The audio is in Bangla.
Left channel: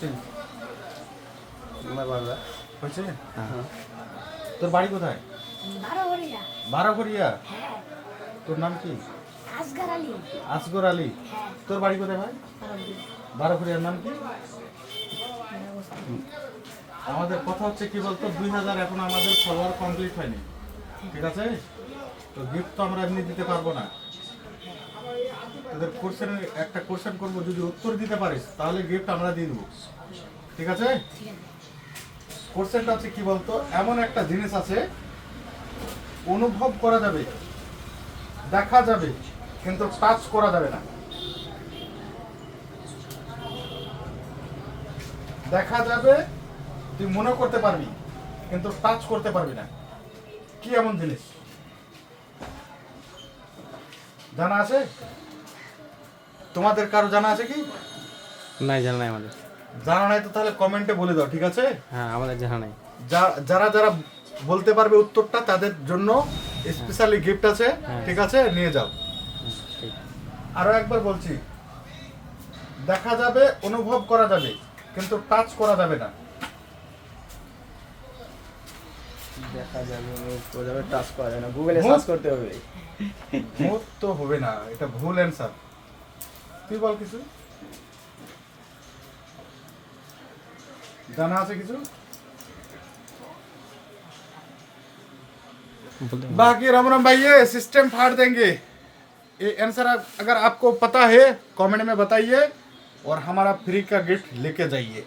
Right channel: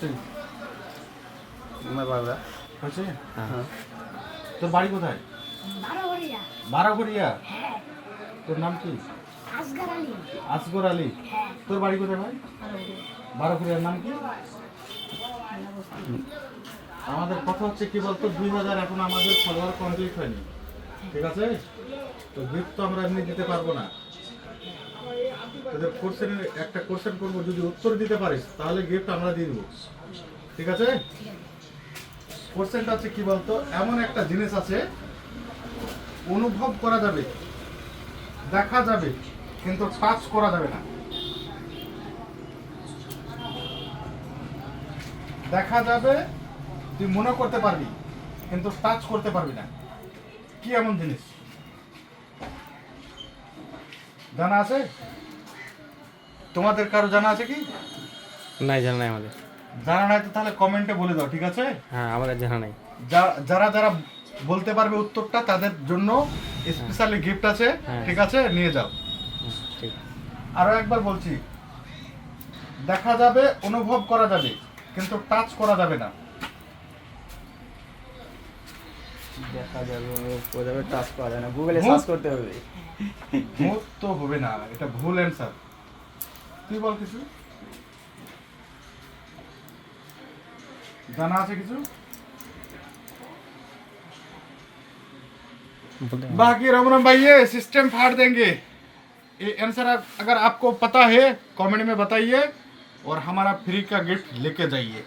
করছিস? আমার বাবা হয়েছে? হ্যাঁ তোর বাড়ি কোথায়? বারোঘরিয়া। বারাঘরিয়া। হ্যাঁ। তোর নাম কি? আসগার আলী। আসগর আলী। হ্যাঁ। তোর বাড়ি কোথায় ভাই? বারোঘরিয়া। বারাঘরিয়ার নাম কি? আমাদের কথা হচ্ছে কি বলতো, 2000 এখন আমাদের ফলোয়ার কমপ্লিট হয়নি, ঠিক আছে? তো গিফট তো আমরা এমনি দিতে পারবো না। তোদের কোশ্চেনের একটা কোশ্চেন করবো, যদি উত্তর দিতে পারিস তাহলে গিফট আমরা দিয়ে দেবো, ঠিক আছে? কোশ্চেনটা আছে কি বলতো, এমন একটা জিনিস আছে অনুভব করা যাবে, দেখা যাবে, কিন্তু টাচ করা যাবে না। দেখা যাবে, তুই মনে করতে পারবি, কিন্তু টাচ করতে পারবি না। কি এমন জিনিস জানা আছে? তোমাদের কারো জানা আছে কি? নাই, জানা নাই আমাদের। জানা নাই তো তাহলে কমেন্টে বলে দাও, ঠিক আছে? হ্যাঁ, আমাদের জানা নাই। যারা যারা বলতে পারবে উত্তরটা তাদের জন্য স্পেশালি গিফট আছে, হ্যাঁ। ঠিক আছে? নিয়ে যাও। হ্যাঁ, ঠিক। আরো একবার বলছি, দেখা যাবে, অনুভব করা যাবে, কিন্তু টাচ করা যাবে না। দেখা যাবে, অনুভব করা যাবে, টাচ করা যাবে না। গুগলে সার্চ করতে হবে। মুখ তো হবে না, এটা ভুল অ্যান্সার। তুই বল কিছু জানা আছে কিছু? बाकी राम राम भाई, ये सिस्टम फाड़ देंगे। ये आंसर अगर आपको पता है कमेंट में बताइए और हमारा फ्री का गिफ्ट लेके जाइए।